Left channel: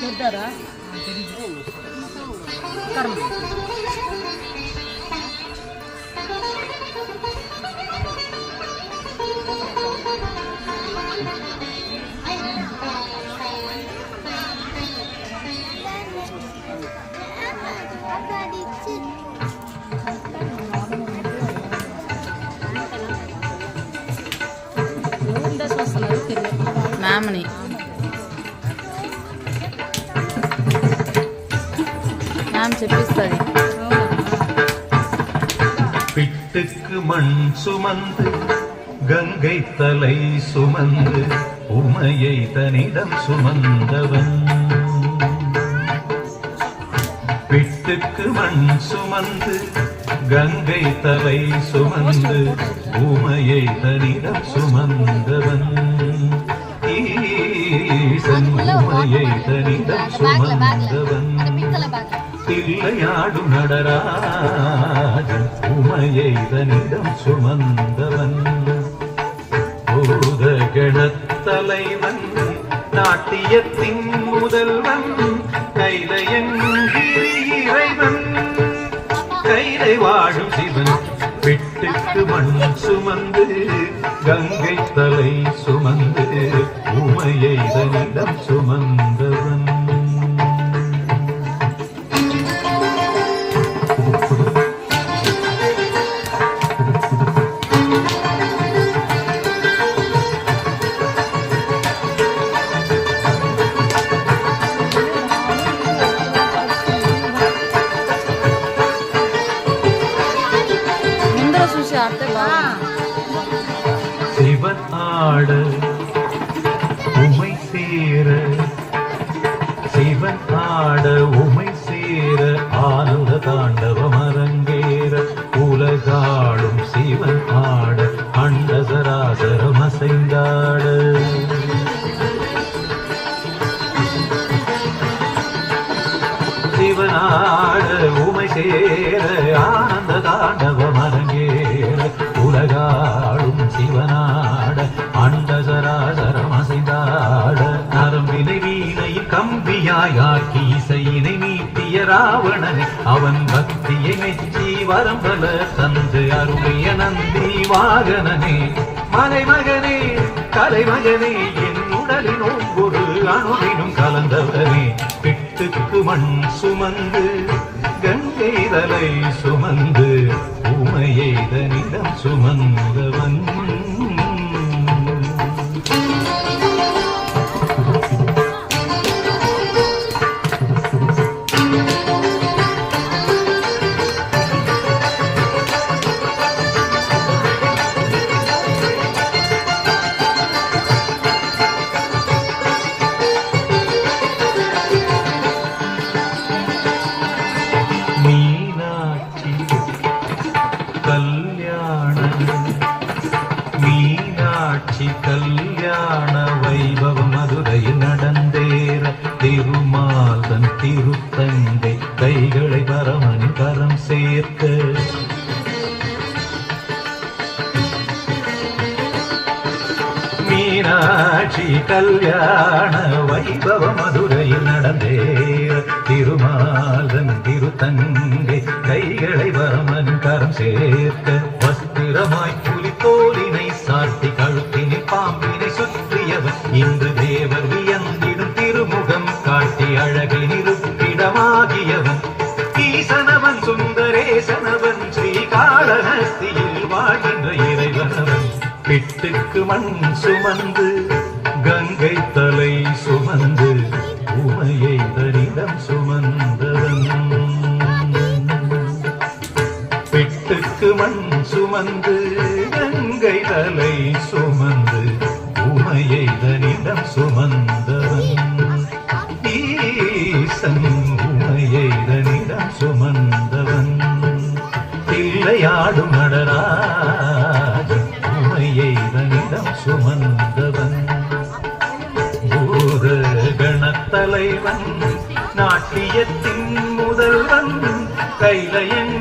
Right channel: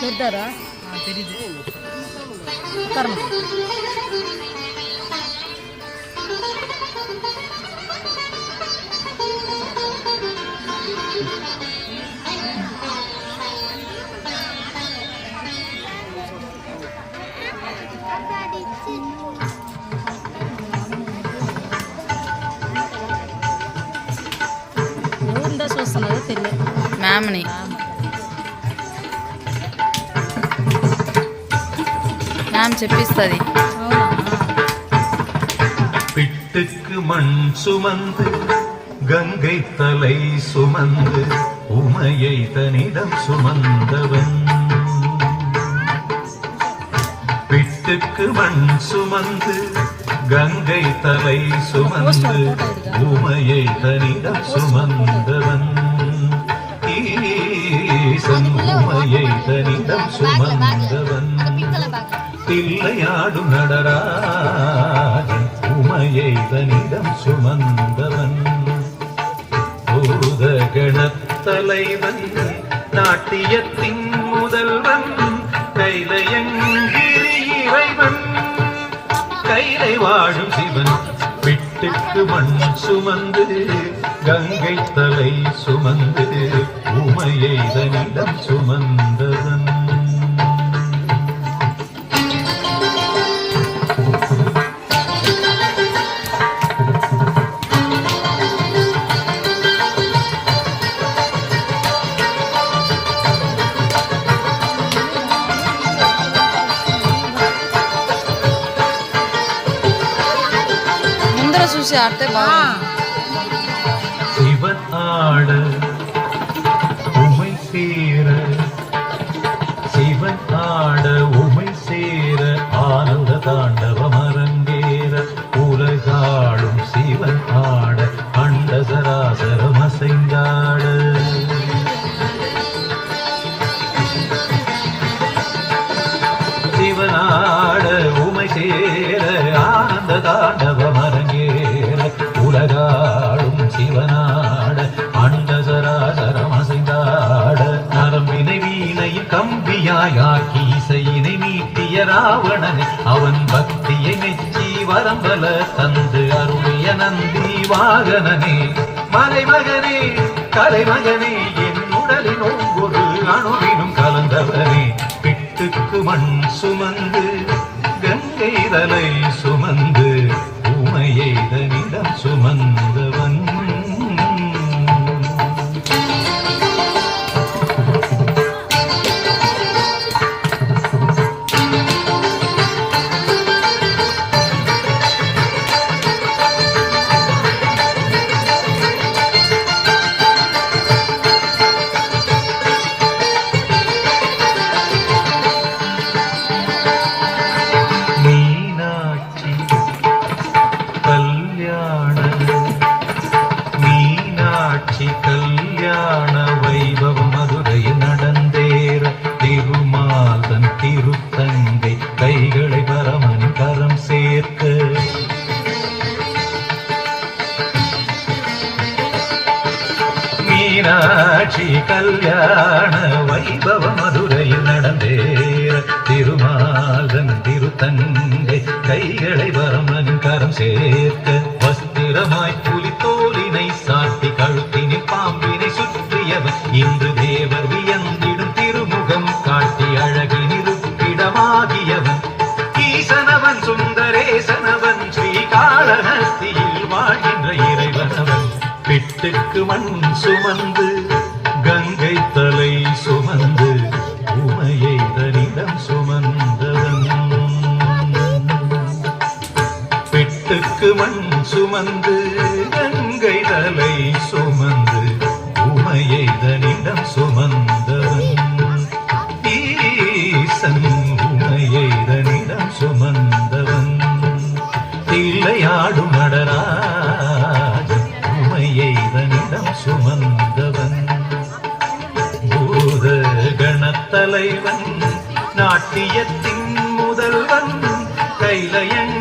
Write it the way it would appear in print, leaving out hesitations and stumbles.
கேட்டாரா? தெரியுது. உட்காருங்க. మామని మ్యామ్ చెప్పిస్తుంది. பிட்டுக்கு மண் சுமந்து கங்கை தலை சுமந்து உமையை தனிடம் சுமந்தவன். பிட்டுக்கு மண் சுமந்து கங்கை தலை சுமந்து உமையை தனிடம் சுமந்தவன். ஈசன் உமையை தனிடம் சுமந்தவன். தில்லையாடும் நடராஜன் உமையை தனிடம் சுமந்தவன். பூதகணத்தலைவன் நாட்டியத்தின் முதல்வன் கைலையங்கிரி இறைவன் கைலை வாழும் சிவன். பிட்டுக்கு மண் சுமந்து கங்கை தலை சுமந்து உமையை தனிடம் சுமந்தவன். చూసి ఆడితే బాగుంది. சிவன் ஆட உமை சேர சிவன் ஆட உமை சேர ஆனந்த தாண்டவம் அரங்கேற உலகாடும் சிவன் ஆட அண்ட சராசரம் அசைந்தாட. சிவனாட உமை சேர ஆனந்த தாண்டவம் அரங்கேற உலகாடும் சிவனாட அண்ட சராசரம் அசைந்தாட. நரம்பினை வீணையில் கம்பியாயாக்கி இசையினை நீட்டிய ராவணன் அவன் பக்தியை மெச்சி வரம்பல தந்து அருளிய நந்தி வாகனனே. மலைமகனே கலைமகனே என் உடலின் ஒவ்வொரு அணுவினும் கலந்தவனே. பிட்டுக்கு மண் சுமந்து கங்கை தலை சுமந்து உமையை தனிடம் சுமந்தவன். மீனாட்சி கல்யாண வைபவம் மதுரையில் நடந்தேற திருமாதன் திருத்தங்கை கைகளை பரமனின் கரம் சேர்க்க. மீனாட்சி கல்யாண வைபவம் மதுரையில் நடந்தேற திருமாதன் திருத்தங்கை கைகளை பரமனின் கரம் சேர்க்க. வஸ்திரமாய் புலித்தோலினை சாட்டி கழுத்தினில் பாம்பினை சுற்றியவன் இன்று தேவர் வியந்திடும் திருமுகம் காட்டி அழகின் இருப்பிடமாகியவன். ஈசனவன் சுந்தரேசனவன் ஸ்ரீகாளஹஸ்தியில் வாழ்கின்ற இறைவனவன். பிட்டுக்கு மண் சுமந்து கங்கை தலை சுமந்து உமையை தனிடம் சுமந்தவன். பிட்டுக்கு மண் சுமந்து கங்கை தலை சுமந்து உமையை தனிடம் சுமந்தவன். ஈசன் உமையை தனிடம் சுமந்தவன். தில்லையாடும் நடராஜன் உமையை தனிடம் சுமந்தவன். பூத கணத்தலைவன் நாட்டியத்தின் முதல்வன் கைலையன்